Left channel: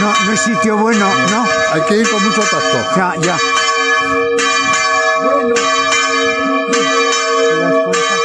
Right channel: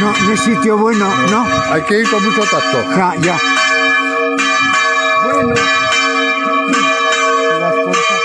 No, no es sitio bueno, ¿no? Hay que ir con mucho tacto. Ya. Bueno, las cosas